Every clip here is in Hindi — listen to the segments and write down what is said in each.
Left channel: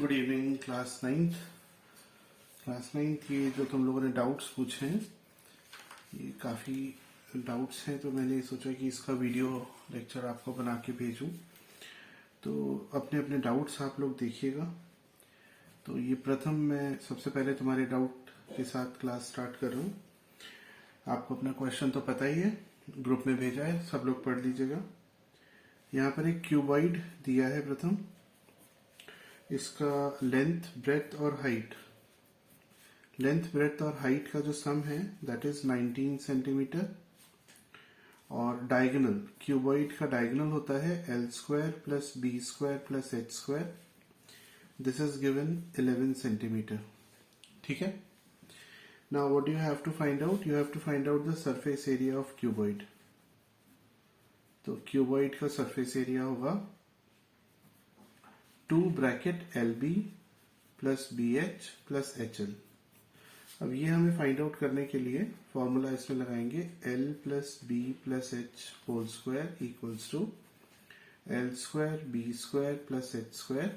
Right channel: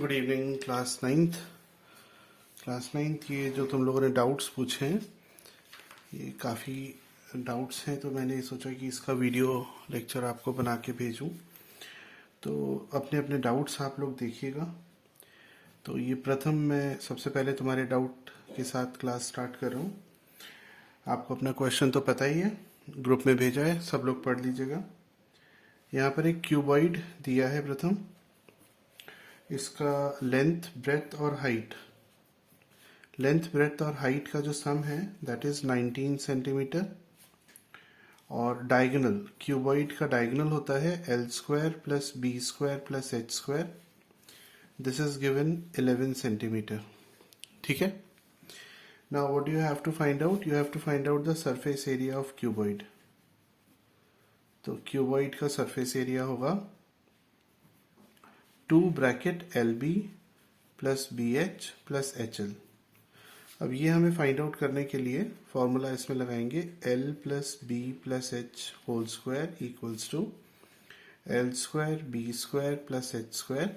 गुड इवनिंग क्लास नाइन्थ ये जो तुम लोगों ने डाउट्स पूछे हैं, ये काफ़ी डाउट्स हैं, तो मैंने सोचा कि इसका वीडियो लेक्चर आपको बना के भेजूं। तो अपने अपने डाउट्स आप लोग देखिएगा। तो ये प्रथम मैं सबसे पहले तुम्हारे डाउट के साथ क्लास स्टार्ट कर रहा हूँ। आपको अपना क्वेश्चन तो पता ही है, ग्रुप में भेजा है, सब लोग पढ़ लीजिएगा। यहाँ पर एक क्यूबॉइड दिया है प्रथम, इसका लेंथ ब्रेथ और हाइट का जो सम है दैट इज 19 सेंटीमीटर, और डायगोनल क्यूबॉइड का डायगोनल होता है L square plus B square plus H square. This is given 11 centimetre. ठीक है। Now what you have to find out, you have to find out the surface area of cuboid. तो क्यूबॉइड का सरफेस एरिया होगा 2 bracket L B plus B H plus H L. अब ये हमें फाइंड आउट करने के लिए फॉर्मूला इसमें लगाएंगे, L plus B plus H whole square equals to L square B square plus H square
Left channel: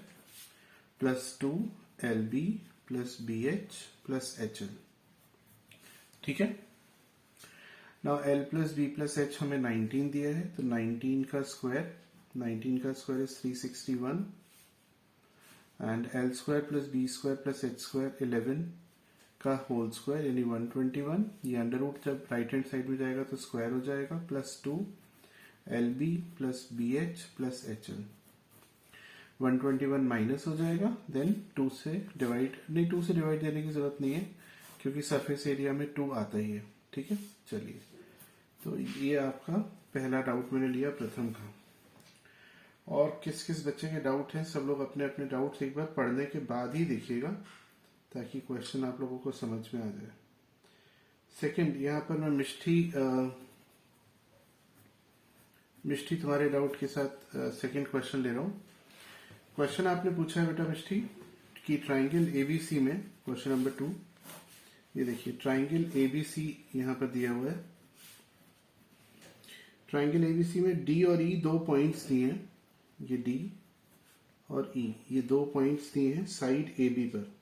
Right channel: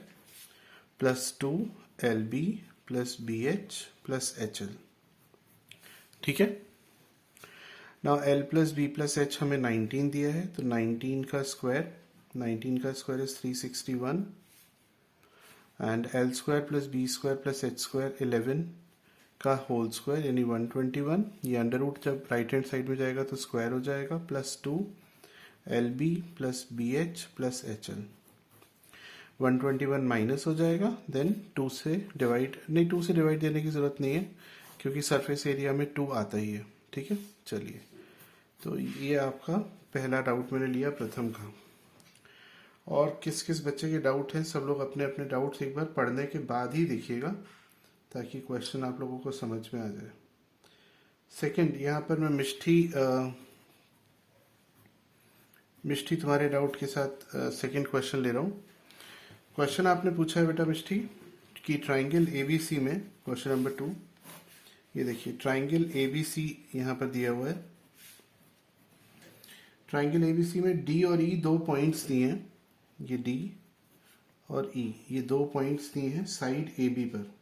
plus 2 L B plus B H plus H L. ठीक है। Now L plus B plus H हमें 19 दिया है, तो 19 का square is 361 and L square plus B square plus H square 11 का होल स्क्वायर यानी 121। ये अंडर रूट जब राइट हैंड साइड में जाएगा तो स्क्वायर हो जाएगा, plus 2 L B plus B H plus H L. 121 minus हो जाएगा, देन 2 से डिवाइड देने की जरूरत नहीं है क्योंकि सरफेस एरिया में 2 आता ही है। ठीक है। चलिए, तो ये आपका पहला डाउट मैंने लिया प्रथम का। और किस किस बच्चे के डाउट हैं, सब लोग अपने अपने डाउट्स एक बार पढ़ने के बाद ही देखिएगा ताकि क्वेश्चन आप लोगों को समझ में आ जाए। सेकंड, यहाँ पर मैं मिष्टी तुम्हारे डाउट के साथ सेकंड क्वेश्चन ले रहा हूँ। क्वेश्चन आपने पूछा है बेटा मिष्टी कि ट्राइंगल एबीसी में, क्वेश्चन नंबर 2, ये देखिए ट्राइंगल एबीसी यहाँ पर दिया हुआ है। ट्राइंगल एबीसी में डी और ई 2 पॉइंट्स दिए हैं, ये डी और ई, ये 2 पॉइंट्स दिए हैं साइड ए बी पर,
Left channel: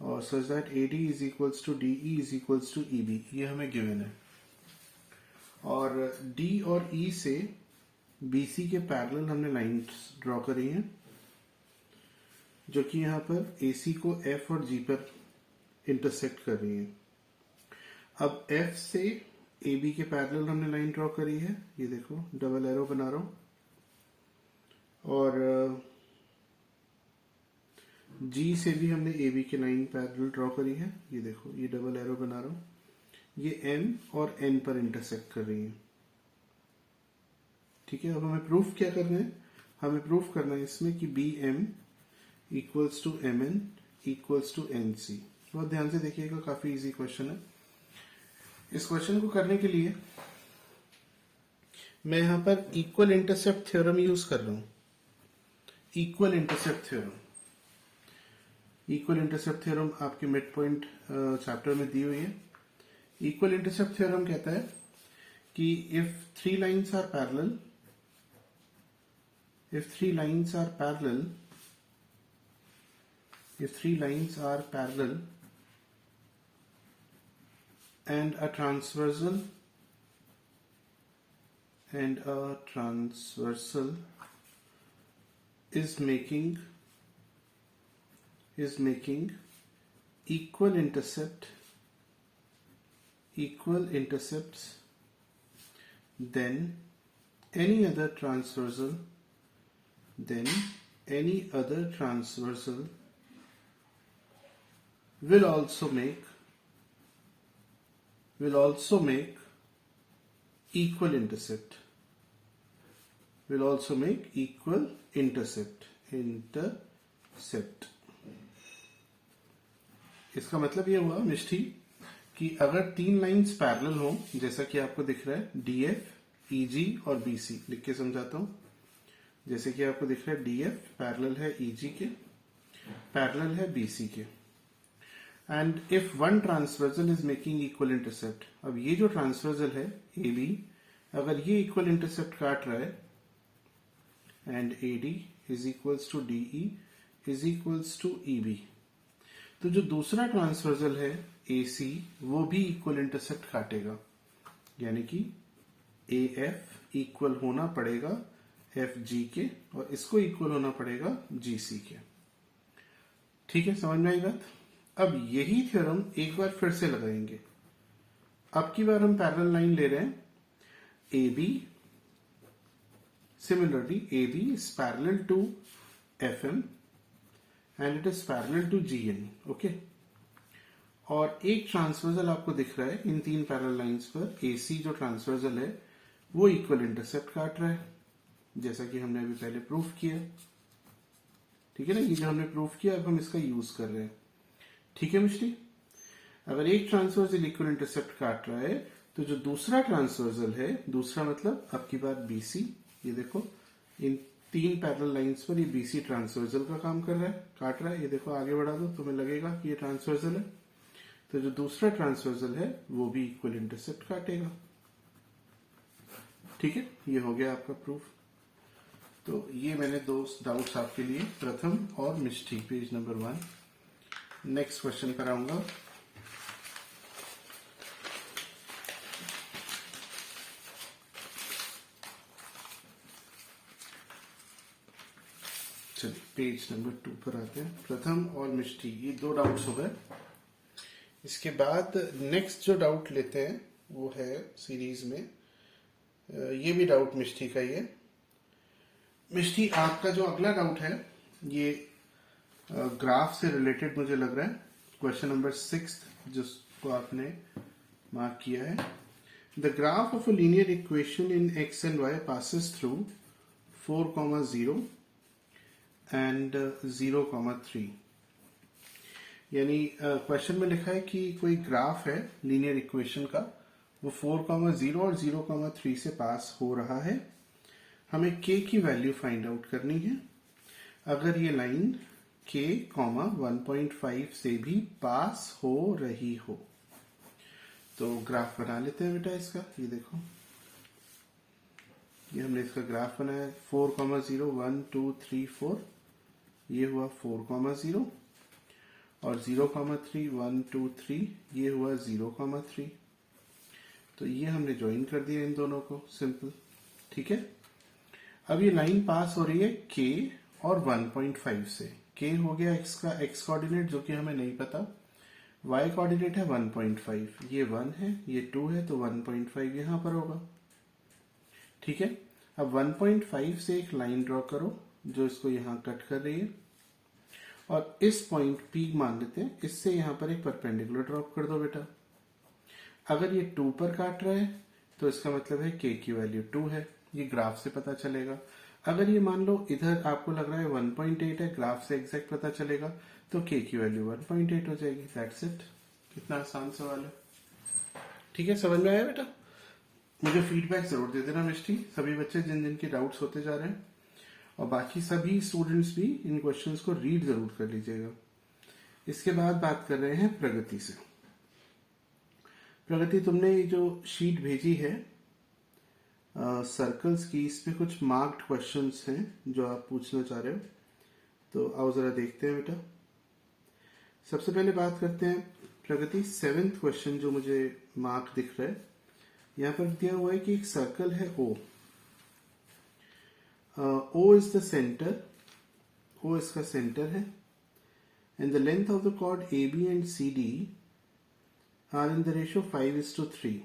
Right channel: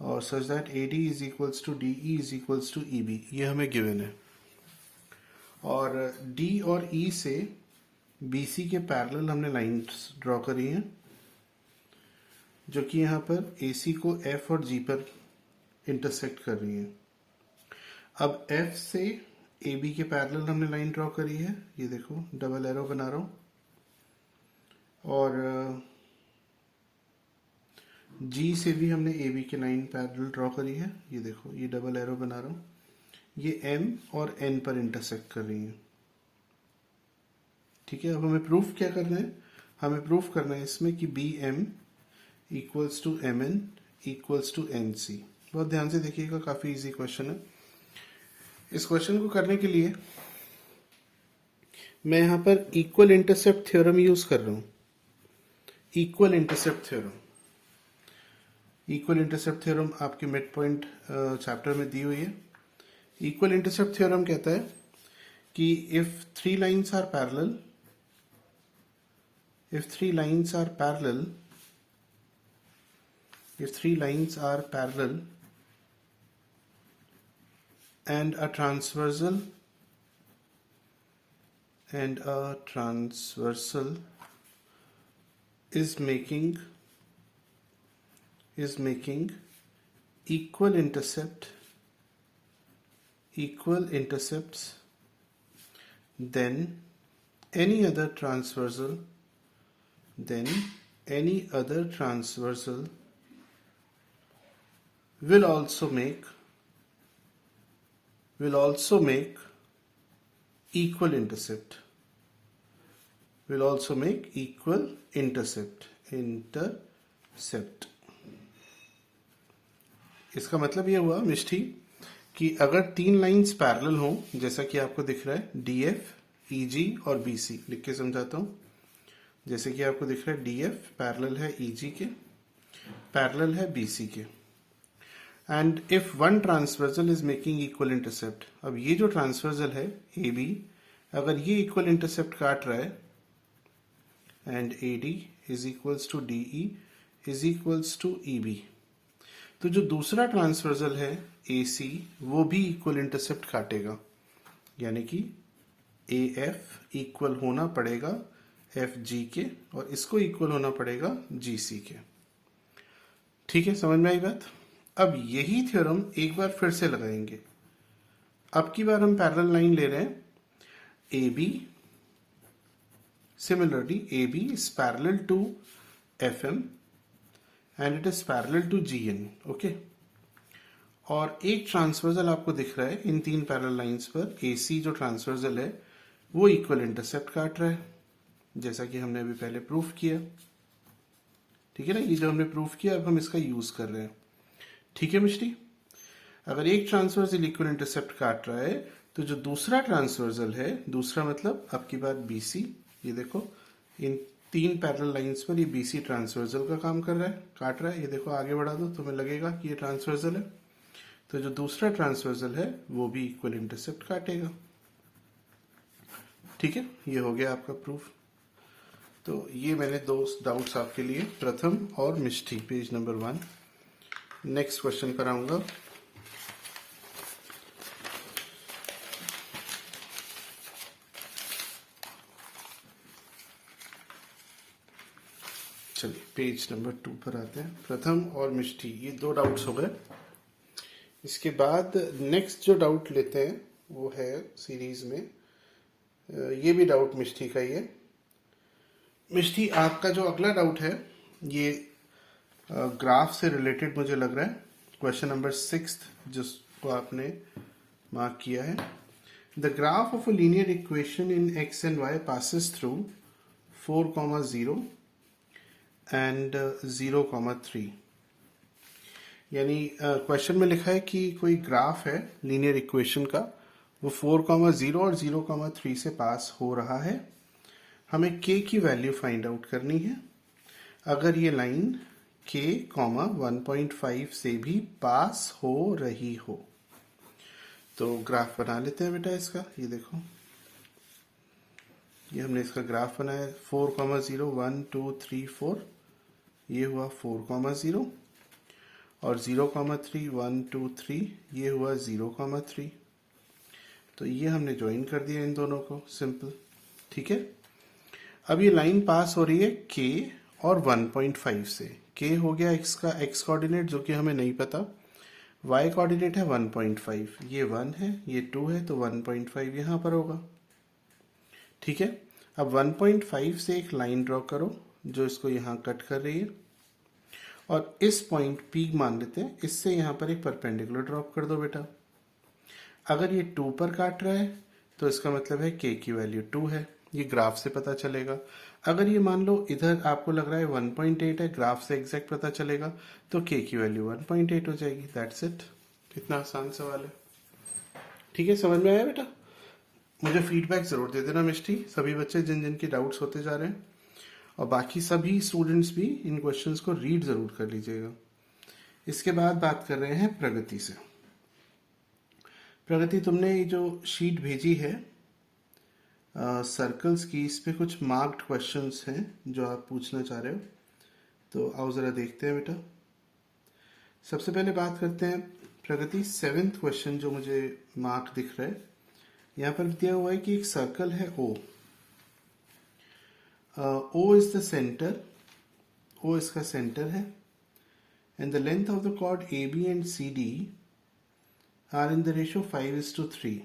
और such that A D is equals to D E is equals to E B, ये हमें गिवन है। और डी और ई से बी सी के पैरेलल हमने लाइन्स ड्रॉ करी हैं जो कि यहाँ पर ए सी को एफ और जी पर इंटरसेक्ट कर रही है। अब एफ से ए बी के पैरेलल हमने लाइन ड्रॉ करी है, ये देखो डबल एरो बना रहा हूँ, और जी से भी हमने ए बी की लाइन पैरेलल ड्रॉ करी है, ये देखो ये डबल एरो बना रहा हूँ, ये एम और एन पर इंटरसेक्ट कर रही है। ठीक है। अब हमें प्रूफ क्या करना है, हमें प्रूफ करना है इसमें कि B M equals to M N equals to N C. बहुत ध्यान से देखिएगा, काफी इजी क्वेश्चन है। इस क्वेश्चन को करने के लिए मैं यहां पर इक्वल इंटरसेप्ट थ्योरम यूज कर रहा हूं। इक्वल इंटरसेप्ट थ्योरम आपके मिड पॉइंट चैप्टर में दी हुई है। इक्वल इंटरसेप्ट थ्योरम कहता है कि if three lines are parallel and a transversal is making equal intercepts, then any other transversal will also make equal intercept. इसका मतलब ये हुआ मिष्टी कि अगर 3 लाइंस पैरेलल हों, जैसा कि आपको दिख रहा है डी एफ ई जी और बी सी, लिख के समझाता हूं। जैसे कि आपको दिख रहा है डी एफ पैरेलल है ई जी के, पैरेलल है बी सी के, and if one transversal is making equal intercept. अब ये जो ट्रांसवर्सल है ए बी, अगर ये इक्वल इंटरसेप्ट काट रहा है and A D is equals to D E, is equals to E B. तो जो दूसरा ट्रांसवर्जल है ए सी वो भी इक्वल इंटरसेप्ट काटेगा, यानी कि ए एफ इक्वल होना पड़ेगा एफ जी के और इसको इक्वल होना पड़ेगा जी सी के। ठीक है, समझ में आई बात। अब यही थ्योरम एक बार फिर से लगाएंगे। अब की बार हम पैरेलल लाइन ले रहे हैं A B. Similarly A B is parallel to F M and it is parallel to G N. Okay, और एक ट्रांसवर्जल आपको दिख रहा है इन तीन पैरेलल लाइंस पर। ए सी जो ट्रांसवर्जल है वो इक्वल इंटरसेप्ट काट रहा है, जैसा कि हमने अभी पहले प्रूफ किया। ठीक है ना, ये जो हमने प्रूफ किया अब हम इसका यूज कर रहे हैं। ठीक है मिस्टी, अगर एक ट्रांसवर्जल इक्वल इंटरसेप्ट काट रहा है तो जो दूसरा ट्रांसवर्जल है, दूसरा मतलब अब की बार बीसी, ये देखो इन तीन पैरेलल लाइंस पर ये बीसी ट्रांसवर्जल का काम कर रहा है, काट रहा है। ये देखो आगे बढ़ा दो तुम्हें लगेगा कि ये ट्रांसवर्जल है, तो जो दूसरा ट्रांसवर्जल है वो भी इक्वल इंटरसेप्ट काटेगा। ठीक है, ये हो गया आपका प्रूफ। तो ये मैंने दो डाउट्स आपके लिए, प्रथम और मिष्टी, पेज नंबर 1। नेक्स्ट क्वेश्चन पर आऊंगा। चलिए पेज नंबर 2 पर आते हैं। प्रथम और मिष्टी, ये दो डाउट्स हो गए। इसके बाद नेक्स्ट जो डाउट लेते हैं वो है सीरीज में, ये भी डाउट मिष्टी का ही है। मिष्टी, आपका जो अगला डाउट है ये ग्राफ से रिलेटेड मुझे लग रहा है। क्वेश्चन नंबर 6 जिसको आपने मार्क किया है, the graph of a linear equation in X and Y passes through 4,0 and 0,3। यानी क्वेश्चन में लिखा है कि कोई ग्राफ है लीनियर इक्वेशन का, वो 4,0 और 0,3 से पास हो रहा है। हमें k की वैल्यू फाइंड आउट करनी है। अगर ये लाइन k, 1.5 से भी पास हो रही हो तो ग्राफ बना लेते हैं बेटा इसका। ये देखो, ये हमने इसका ग्राफ बनाया 4,0 1 2 3 4, ये हुआ 4,0 और 0,3 1 2 3, ये हुआ 0,3। तो ये हमने ज्वाइन कर दिया इन दोनों को, सिंपल। ठीक है, अब ये लाइन पास हो रही है k और 1.5 से। k हो गया x का x कोऑर्डिनेट जो कि हमें नहीं पता, y कोऑर्डिनेट है 1.5, ये 1 है ये 2 है, तो 1.5 यहां पर होगा। ठीक है, अब 1.5 से एक लाइन ड्रॉ करो जो इसको यहां कट कर रही है और इस पॉइंट P मान लेते हैं, इससे यहां पर एक परपेंडिकुलर ड्रॉप कर दो बेटा। अगर ये 2 पर काट रहा है तो इसका मतलब है k की वैल्यू 2 है, ये ग्राफ से पता चलेगा। अगर ये मान लो इधर आपको लग रहा है 1.8 है, ग्राफ से एग्जैक्ट पता चलेगा, तो k की वैल्यू 1.8 हो जाएगी। दैट्स इट, इतना आसान सवाल है। ठीक है, समझ में आया बेटा? मुझे फीडबैक जरूर दे देना मिष्टी, सभी बच्चे जिन जिन के डाउट्स होते जा रहे हैं, और बाकी सभी स्टूडेंट्स भी इन क्वेश्चंस को रीड जरूर कर लीजिएगा। इसके बाद बात कर रहे हैं प्रगति से। प्रगति, तुमने ये जो शीट भेजी है सर्कल्स की, इस पे कुछ मार्क्ड क्वेश्चंस हैं जो आप पूछना चाह रहे हो, तो आओ जरा देखते हैं बेटा। सबसे पहले बात करते हैं प्रगति 7th क्वेश्चन जो मुझे मार्क दिख रहा है। यहाँ पर दिया हुआ है कि एक सर्कल है O, O is the centre, O इसका सेंटर है, and the length of the chord AB and CD are in the ratio 5:3।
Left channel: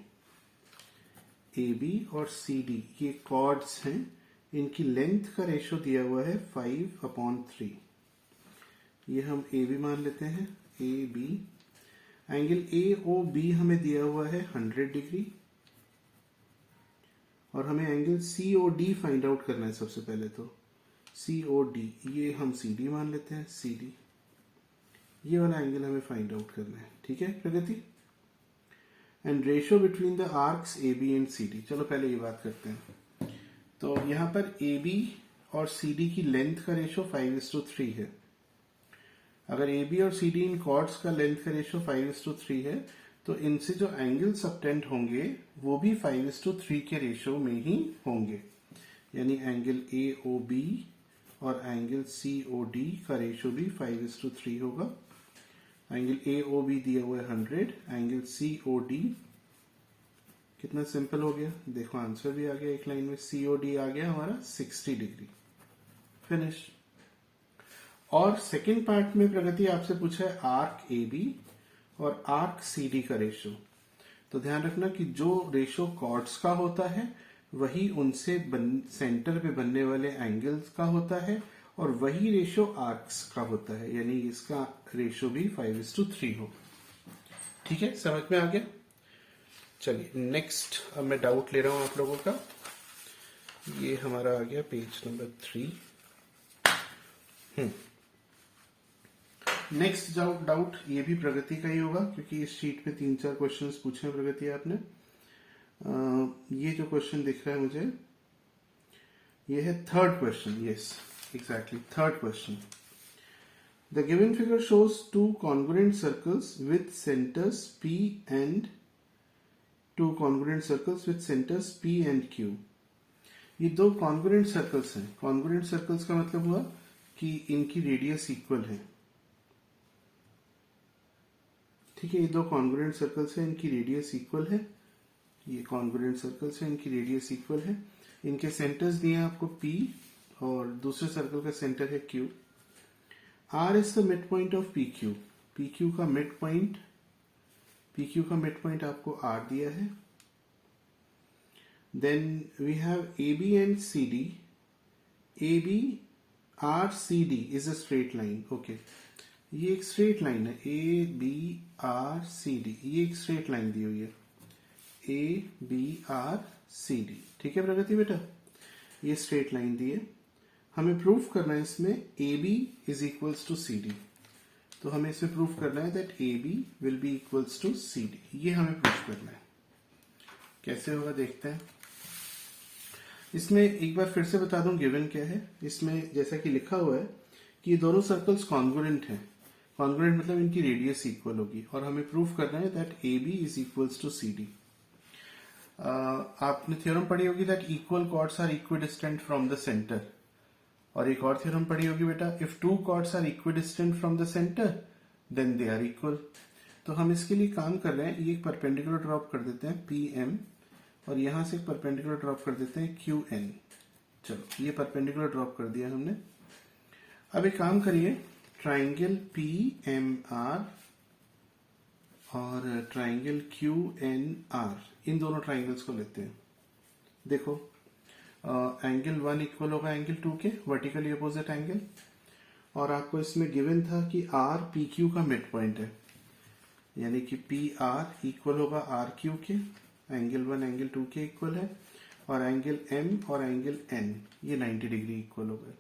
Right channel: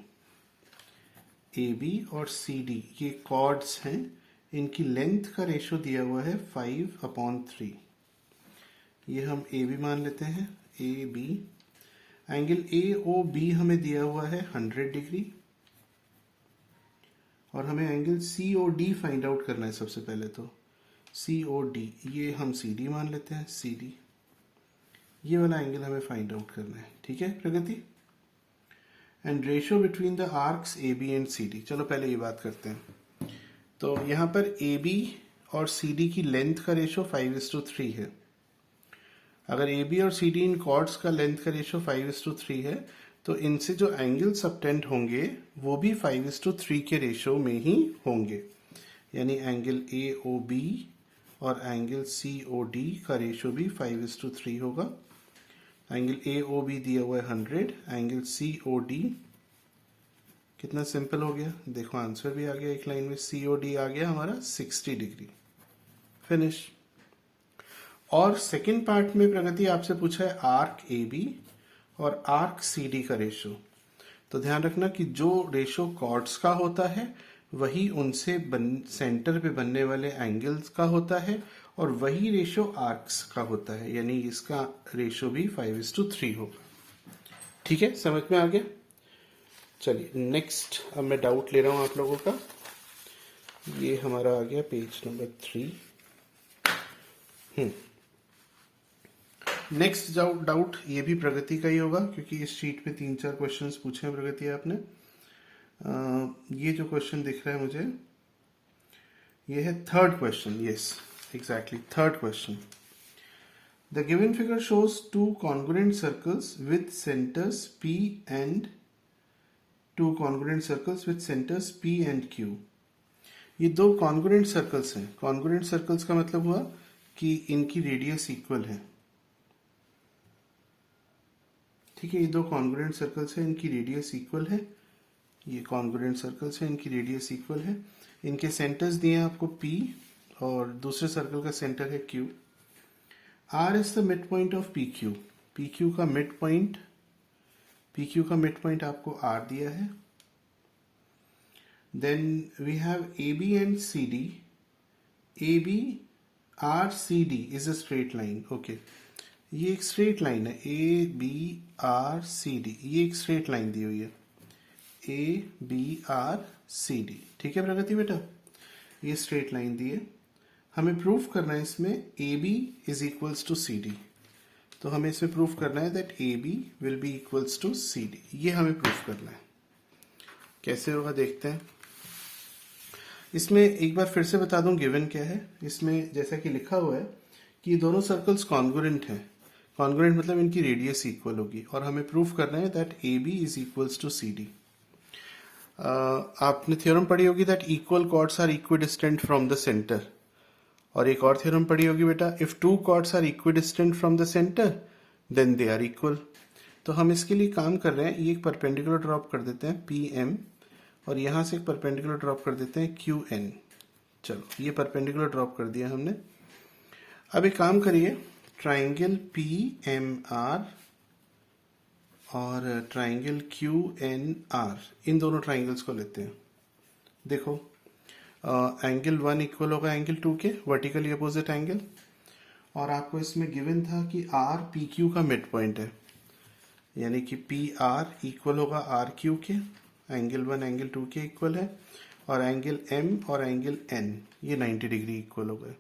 AB और CD ये कॉर्ड्स हैं, इनकी लेंथ का रेशियो दिया हुआ है 5/3। ये हम AB मान लेते हैं, AB। एंगल AOB हमें दिया हुआ है 100 डिग्री, और हमें एंगल COD फाइंड आउट करना है। सबसे पहले तो COD, ये हम CD मान लेते हैं, CD। ये वाला एंगल हमें फाइंड आउट करना है। ठीक है Pragati, and ratio between the arcs AB and CD। चलो पहले ये बात करते हैं। तो यहाँ पर AB और CD की लेंथ का रेशियो 5:3 है। अगर AB और CD इन कॉर्ड्स का लेंथ का रेशियो 5:3 है तो इनसे जो एंगल सबटेंड होंगे वो भी 5:3 के रेशियो में ही होंगे। यानी एंगल AOB और एंगल COD का रेशो भी 5:3 होगा। एंगल AOB दिया हुआ है 100, एंगल COD कितना सिंपल हो गया, देखो आंसर भी आ गया एक लाइन में, COD आ गया हमारा 60 डिग्री। फिनिश। और सेकंड पार्ट में प्रगति आपसे पूछा है आर्क AB और आर्क CD का रेशो। तो ध्यान रखना कि जो रेशो कॉर्ड्स का होता है वही उनसे सेंटर पे बनने वाले एंगल्स का होता है, और वही रेशो आर्क्स का होता है, यानी इसका रेशो भी 5:3 होगा। ठीक है, समझ में आ गया। चलिए नेक्स्ट, अब मैं डाउट ले रहा हूं आप लोगों का। ये हमारा आ गया पेज नंबर 3। नेक्स्ट डाउट ये भी प्रगति का ही होगा, क्योंकि इस शीट पे 3-4 क्वेश्चंस पूछे हैं प्रगति आपने। ये जो क्वेश्चन दिख रहा है मुझे, ये है third question. Yes, exactly third question. The given figure shows 2 congruent circles with centres P and 2 congruent circles with centres P and Q। ये 2 congruent सर्कल्स हैं। congruent सर्कल्स का मतलब हुआ कि इनकी रेडियस इक्वल है। ठीक है, ये 2 कॉन्ग्रुएंट सर्कल्स हैं, इनकी रेडियस इक्वल है। ये कॉन्ग्रुएंट सर्कल्स हैं, इनकी रेडियस इक्वल है। इनके सेंटर्स दिए हैं आपको P और दूसरे सर्कल का सेंटर है Q। R is the mid point of PQ। PQ का मिड पॉइंट आपको R दिया है। Then we have AB and CD। AB RCD is a straight line. Okay, ये एक स्ट्रेट लाइन है, ABRCD, ये एक स्ट्रेट लाइन दी हुई है, ABRCD। ठीक है प्रगति बेटा, ये स्ट्रेट लाइन दी है। हमें प्रूफ करना है इसमें AB is equals to CD। तो हमें इसमें प्रूफ करना है that AB will be equals to CD। ये हमें प्रूफ करना है। कैसे होगा देखते हैं। इसमें एक बार फिर से बता दूं गिवन क्या है। इसमें जैसा कि लिखा हुआ है कि ये दोनों सर्कल्स कॉन्ग्रुएंट हैं। कॉन्ग्रुएंट मतलब इनकी रेडियस इक्वल होगी, और हमें प्रूफ करना है that AB is equals to CD। आपने थ्योरम पढ़ी होगी that equal chords are equidistant from the centre. और एक और थ्योरम पढ़ी होगी बेटा, if 2 chords are equidistant from the centre then they are equal. तो हम इसके लिए काम कर रहे हैं, ये एक परपेंडिकुलर ड्रॉप कर देते हैं PM, और यहां से एक परपेंडिकुलर ड्रॉप कर देते हैं QN। चलो, ये परपेंडिकुलर ड्रॉप कर दिया हमने। अब एक काम करिए, ट्राइंगल PMR और ट्राइंगल QNR, इन दोनों ट्राइंगल्स को लेते हैं। देखो, एंगल 1 इक्वल होगा एंगल 2 के, वर्टिकली अपोजिट एंगल। और आपको इसमें गिवन था कि R PQ का मिड पॉइंट है, यानी कि PR इक्वल होगा RQ के। एंगल 1 एंगल 2 के इक्वल है, और एंगल M और एंगल N ये 90 डिग्री इक्वल हो गए।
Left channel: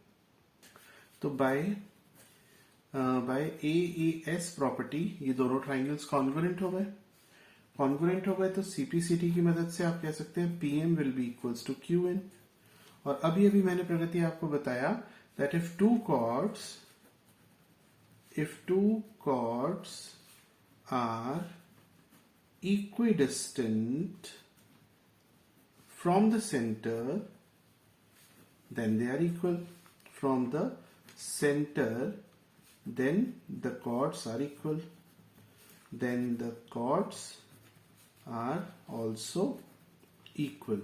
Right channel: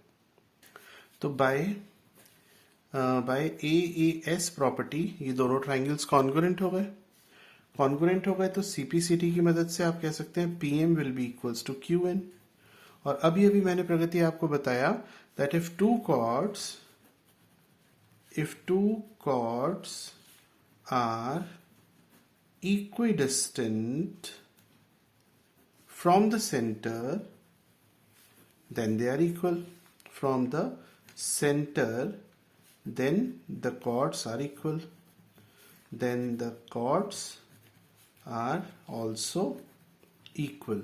तो बाय AAS प्रॉपर्टी ये दोनों ट्राइंगल्स कॉन्ग्रुएंट हो गए। कॉन्ग्रुएंट हो गए तो CPCT की मदद से आप कह सकते हैं PM will be equals to QN। और अभी अभी मैंने प्रगति आपको बताया that if two chords are equidistant from the center then they are equal, from the center then the chords are equal, then the chords are also equal,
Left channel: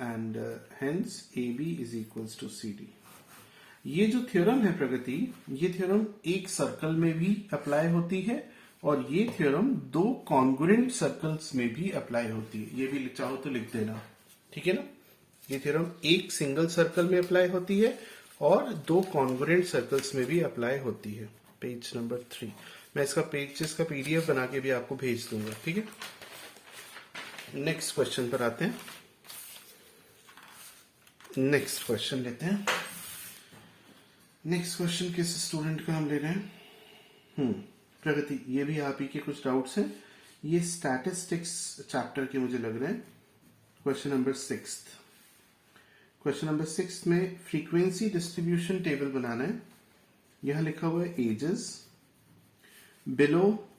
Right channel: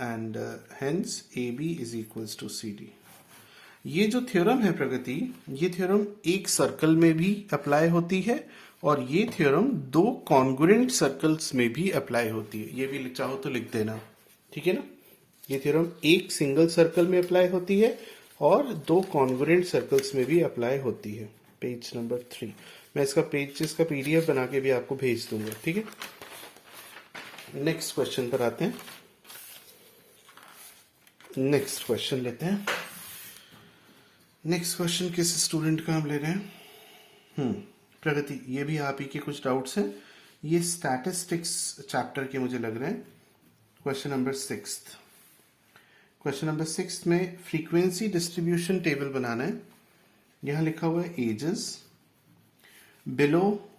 and hence AB is equals to CD। ये जो थ्योरम है प्रगति, ये थ्योरम एक सर्कल में भी अप्लाई होती है, और ये थ्योरम 2 कॉन्ग्रुएंट सर्कल्स में भी अप्लाई होती है। ये भी चाहो तो लिख देना, ठीक है ना। ये थ्योरम एक सिंगल सर्कल में अप्लाई होती है और 2 कॉन्ग्रुएंट सर्कल्स में भी अप्लाई होती है। पेज नंबर 3, मैं इसका पेजेस का PDF बना के भी आपको भेज दूंगा, ठीक है। नेक्स्ट क्वेश्चन पर आते हैं। नेक्स्ट क्वेश्चन लेते हैं। नेक्स्ट क्वेश्चन किस स्टूडेंट का हम ले रहे हैं? प्रगति, ये भी आप ही के कुछ डाउट्स हैं। ये स्टैटिस्टिक्स चैप्टर के मुझे लग रहे हैं। Question number 6। क्वेश्चन नंबर 6 में फ्रीक्वेंसी डिस्ट्रीब्यूशन टेबल बनाना है। यहां लिखा हुआ है ages below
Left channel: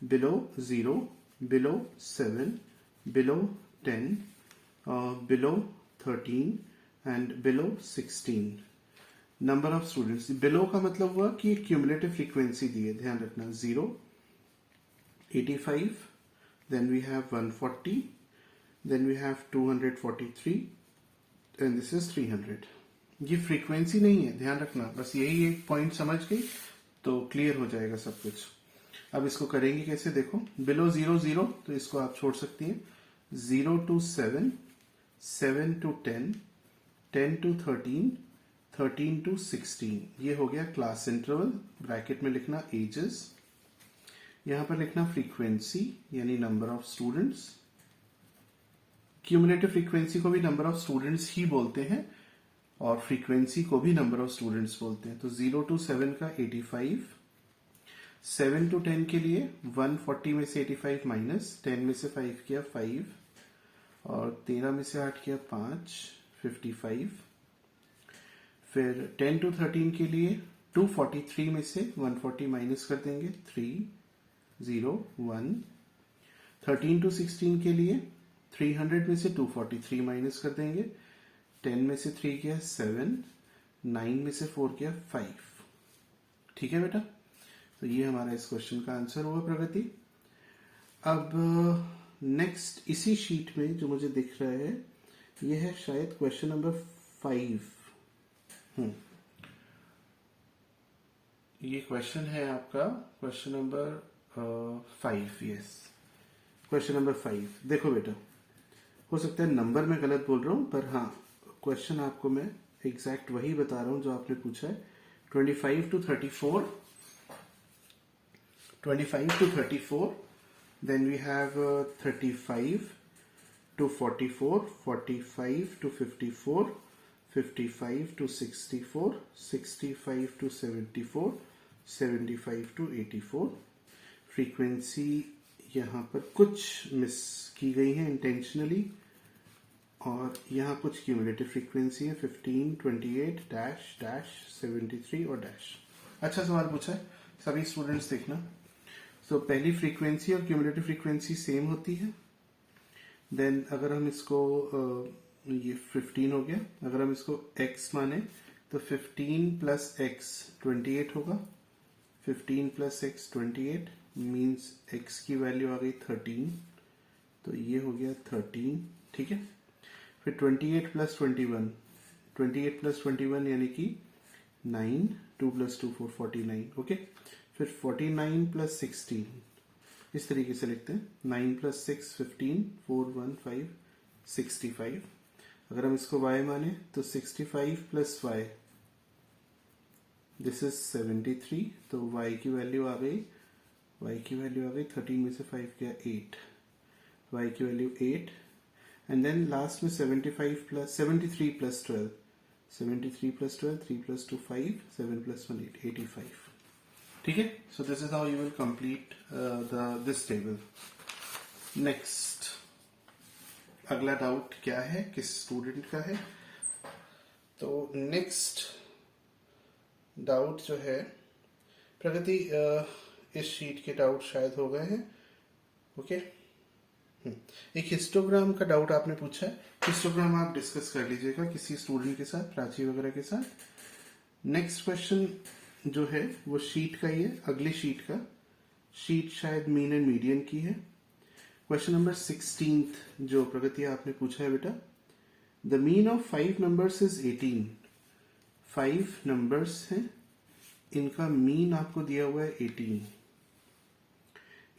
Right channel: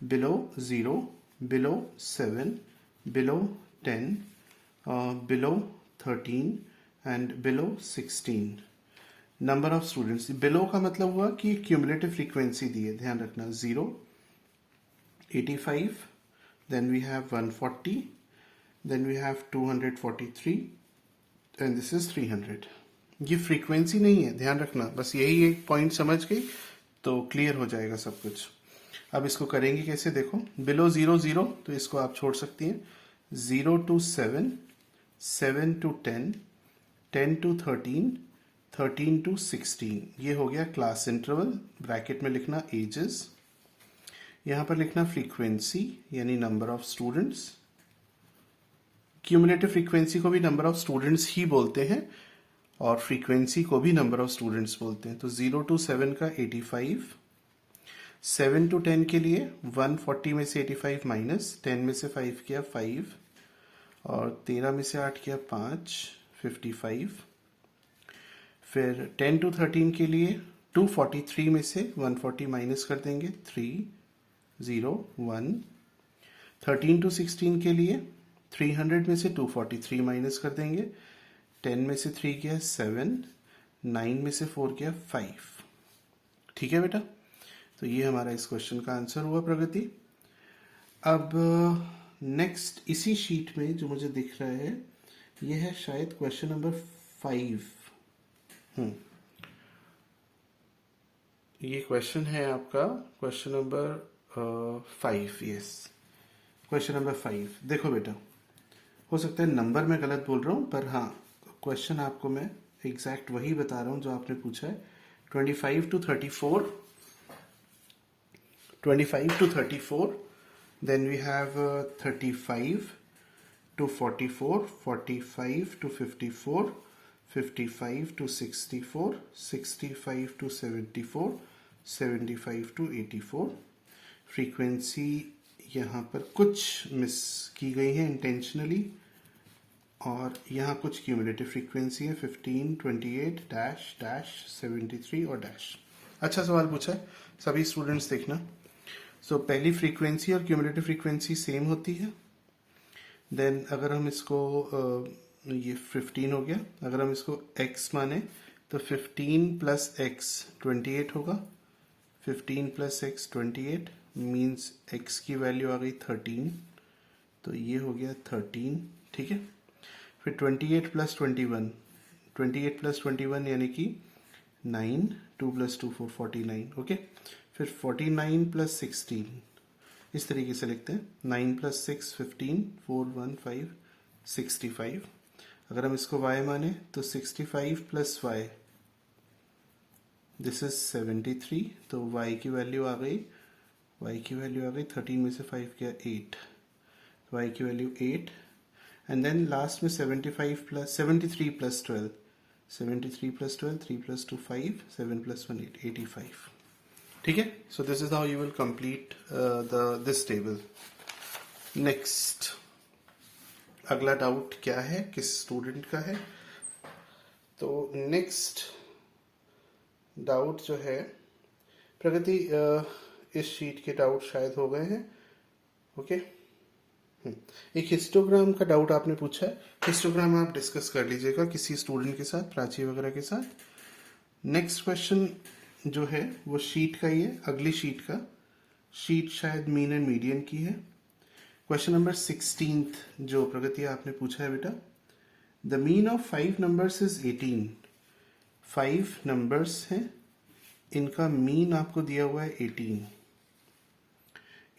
0, below 7, below 10, below 13 and below 16. Number of students, below का मतलब हुआ कि क्यूमुलेटिव फ्रीक्वेंसी दी है, ध्यान रखना. 0, 85, then we have 140, then we have 243 and this is 300. ये फ्रीक्वेंसी नहीं है, ध्यान रखना. बस यही एक पॉइंट समझ गई तो क्लियर हो जाएगा सब कुछ. अब इसको करेंगे कैसे, देखो. बिलो 0 0 तो इसको आप छोड़ सकती हैं. 0 to 7, 7 to 10, 10 to 13, 13 to 16. ये हो गया क्लास इंटरवल. ब्रैकेट में लिखना एजेस, यहां पर लिखना फ्रीक्वेंसी यानी number of students. Cumulative frequency को भी नंबर ऑफ स्टूडेंट्स ही बोलते हैं और फ्रीक्वेंसी को भी नंबर ऑफ स्टूडेंट्स बोलते हैं. तो 0 to 7 का 85, 7 to 10 के लिए 140 में से 85 माइनस, 10 में से 5 किया 5 और 13 में से 8 किया 5, 55. फिर 10 to 13 के लिए 243 में से 140 माइनस कर देंगे, 3 0 1. 13 to 16 के लिए 300 में से 243 माइनस कर देंगे, 10 में से 3 किया 7, 9 में से 4 किया 5. ठीक है बेटा, तो ये हमारा इस क्वेश्चन का आंसर हुआ प्रगति. अब नेक्स्ट इसी शीट में जो मुझे दिख रहा है ये है शायद क्वेश्चन नंबर 5. ये क्वेश्चन है आपका question number 5. Yes, question number 5. देखो बेटा, हो सकता है नंबर में गलत बोल रहा हूं पर हाँ क्वेश्चन आपको मैं एग्जैक्ट वही बता रहा हूं जो आपने पूछा है. 25 to 34, 25 to 34, then we have 35 to 44, 45 to 54, 55 to 64, 65 to 74, 75 to 84. Frequency यहाँ पर कुछ मिस की गई है इंटेंशनली और यहाँ कुछ क्यूमुलेटिव फ्रीक्वेंसी है 15, 28, डैश डैश 73 और डैश. अच्छा सवाल पूछा है, सभी स्टूडेंट्स देखना. सो पहली फ्रीक्वेंसी और क्यूमुलेटिव फ्रीक्वेंसी सेम होती है. देन अगर हम इसको ये 15 हो गया, अगर हम इसको x माने तो 15 प्लस x 28 होगा. 15 प्लस x 28 मीन्स x की वैल्यू आ गई 13, तो ये हो गया 13. ठीक है, फिर 28 प्लस 21, 28 प्लस 21 यानी कि 9, 2 प्लस 2 4, 49. ओके, फिर 49 प्लस 16 इस तरीके से लिखते हैं. 9 प्लस 6 15, 4 1 5 65. अगर हम इसको y माने तो 65 प्लस y दिस इज 73, तो y की वैल्यू आ गई 13 में से 5 किया 8, y की वैल्यू 8. एंड देन लास्ट में 73 प्लस 12, 73 प्लस 12, 3 प्लस 2 5, 7 प्लस 1 8, 85. ठीक है, so this is how you will complete this table. Next अगला डाउट क्या है, किस स्टूडेंट का है? तो नेक्स्ट डाउट जो है प्रगति, इस शीट के डाउट शायद हो गए हैं. ओके, एक हिस्टोग्राम का डाउट आपने पूछा है. हिस्टोग्राम आप डिस्कस कर लीजिएगा किसी स्टूडेंट के साथ, प्राची वगैरह के साथ. नेक्स्ट क्वेश्चन जो है वो शीट का ही है, अगली शीट का. शीट शायद मीन एंड मीडियन की है. क्वेश्चन नंबर 16 जो प्रगति आपने पूछा है बेटा, the mean of 5 numbers is 18. 5 numbers हैं, इनका मीन आपको दिया हुआ है 18.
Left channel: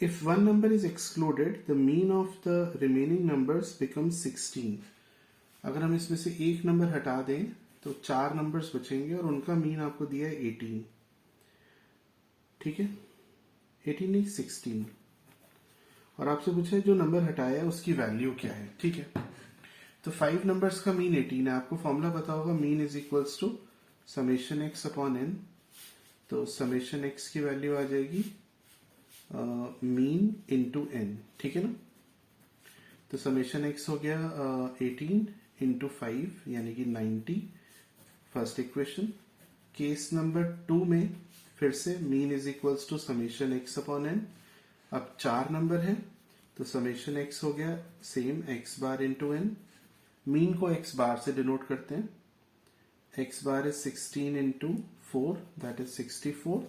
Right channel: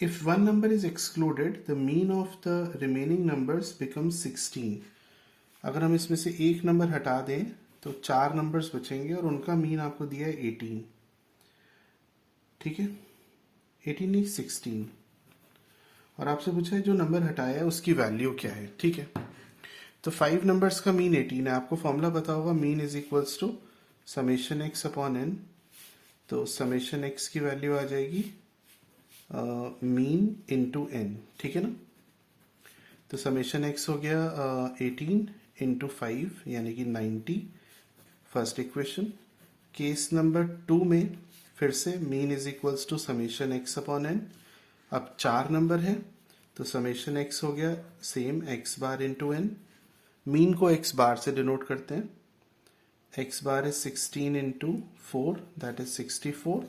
If one number is excluded, the mean of the remaining numbers becomes 16. अगर हम इसमें से एक नंबर हटा दें तो 4 नंबर्स बचेंगे और उनका मीन आपको दिया है 18. ठीक है, 18 नहीं 16. और आपसे पूछा है जो नंबर हटाया है उसकी वैल्यू क्या है. ठीक है, तो 5 नंबर्स का मीन 18 है. आपको फॉर्मूला पता होगा, mean is equals to summation X upon N. तो समेशन एक्स की वैल्यू आ जाएगी मीन इंटू एन. ठीक है ना, तो समेशन एक्स हो गया 18 इंटू 5 यानी कि 90. First equation. केस नंबर 2 में फिर से mean is equals to summation X upon N. अब 4 नंबर है तो समेशन एक्स हो गया same X bar into N. Mean को एक्स बार से डिनोट करते हैं x bar is 16 into 4 that is 64।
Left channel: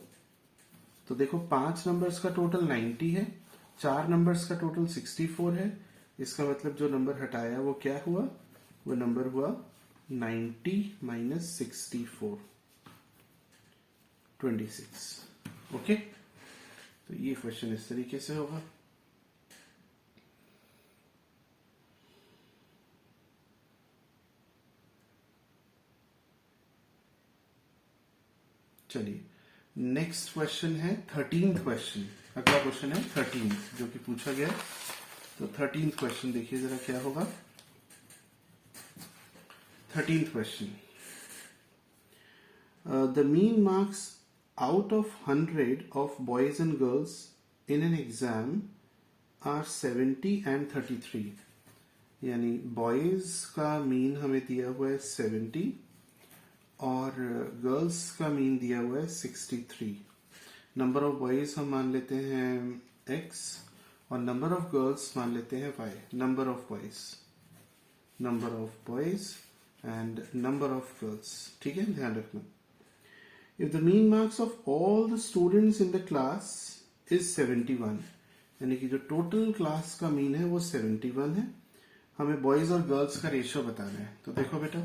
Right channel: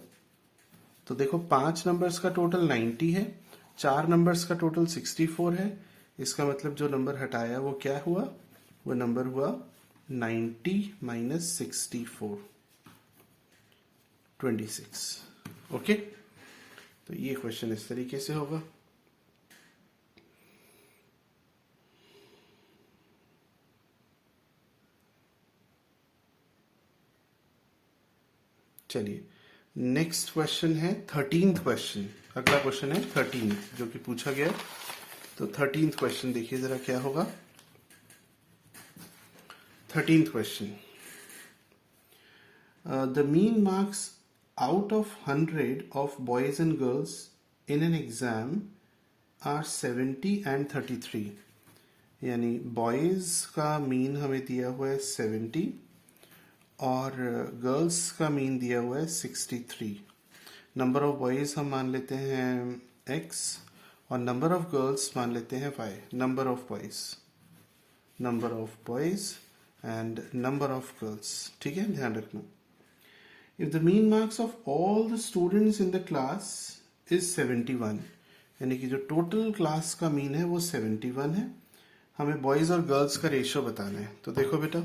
तो देखो 5 नंबर्स का टोटल 90 है, 4 नंबर्स का टोटल 64 है। इसका मतलब जो नंबर हटाया वो क्या हुआ, वो नंबर हुआ 90 माइनस 64, 26। ओके, तो ये क्वेश्चन इस तरीके से होगा। चलिए नेक्स्ट क्वेश्चन है 13th क्वेश्चन। अगला क्वेश्चन है 13th जो कि पूछा गया। तो 13th क्वेश्चन देखिए जरा क्या होगा। 13th question, the mean marks out of 100 of boys and girls in an exam are 70 and 33। यानी बॉयज का मीन हमें दिया हुआ है 70 और गर्ल्स का मीन दिया हुआ है 63। नंबर ऑफ बॉयज हम मान लेते हैं x और नंबर ऑफ गर्ल्स मान लेते हैं y। Number of boys and number of girls, ठीक है, ध्यान रखना। If the mean marks of all the students in the class is 71, यानी कि जो टोटल क्लास का मीन है वो 71 है। हमें बॉयज और गर्ल्स का रेशियो बताना है। तो देखो बेटा,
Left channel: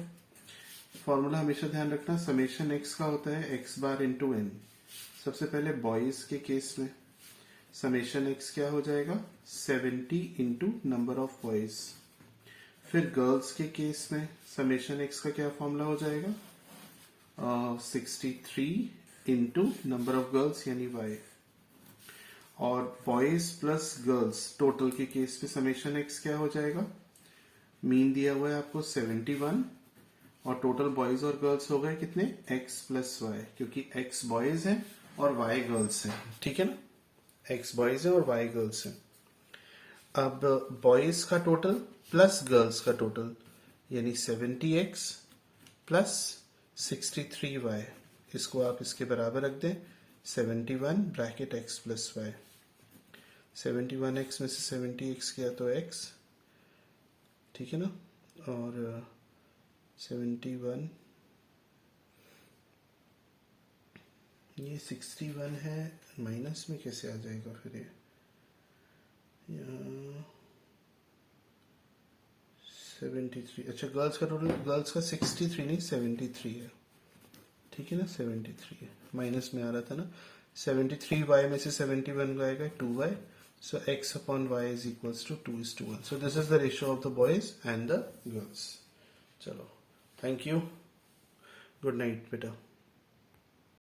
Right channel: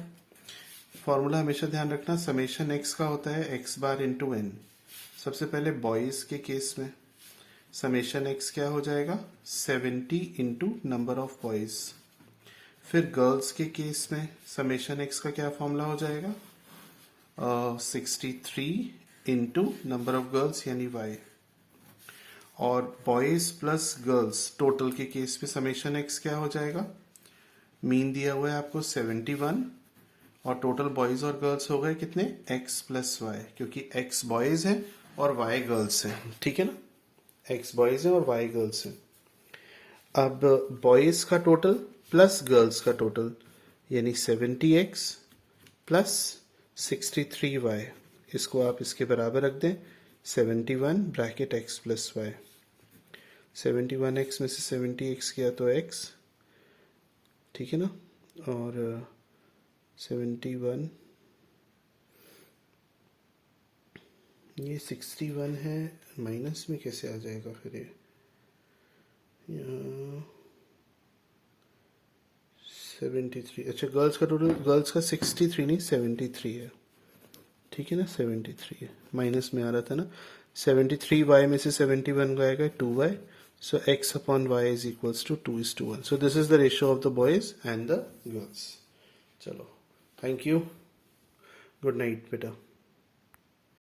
फॉर्मूला हमेशा ध्यान रखना, समेशन एक्स का होता है एक्स बार इंटू एन। सबसे पहले बॉयज के केस में समेशन एक्स क्या हो जाएगा, 70 इंटू नंबर ऑफ बॉयज। फिर गर्ल्स के केस में समेशन एक्स का क्या फॉर्मूला हो जाएगा, 63 इंटू नंबर ऑफ गर्ल्स यानी वाई। और बॉयज प्लस गर्ल्स टोटल के केस में समेशन एक्स क्या हो जाएगा, मीन दिया हुआ है आपको 71 और टोटल बॉयज और गर्ल्स हो गए कितने, x प्लस वाई, क्योंकि x बॉयज है और y गर्ल्स है, ठीक है ना, x बॉयज है और y गर्ल्स है। अब बॉयज का टोटल प्लस गर्ल्स का टोटल यानी 70x प्लस 63y, इसको आप इसके बराबर रख दें, 71 bracket x plus Y. 71x में से 70x किया तो x, ठीक है ना, और 71 ये 61 है, माइनस में कैसे आ जाएगा फिर ये 73। अच्छा गर्ल्स का टोटल, गर्ल्स का 63 नहीं 73 है, ठीक है ना, 73 है, माइनस में आ रहा था ना। 73y में से 71 गएगा 2y, so x upon y is equals to 2:1. So this is the ratio of the boys and the girls. चलो, थैंक यू, गुड नाइट बेटा।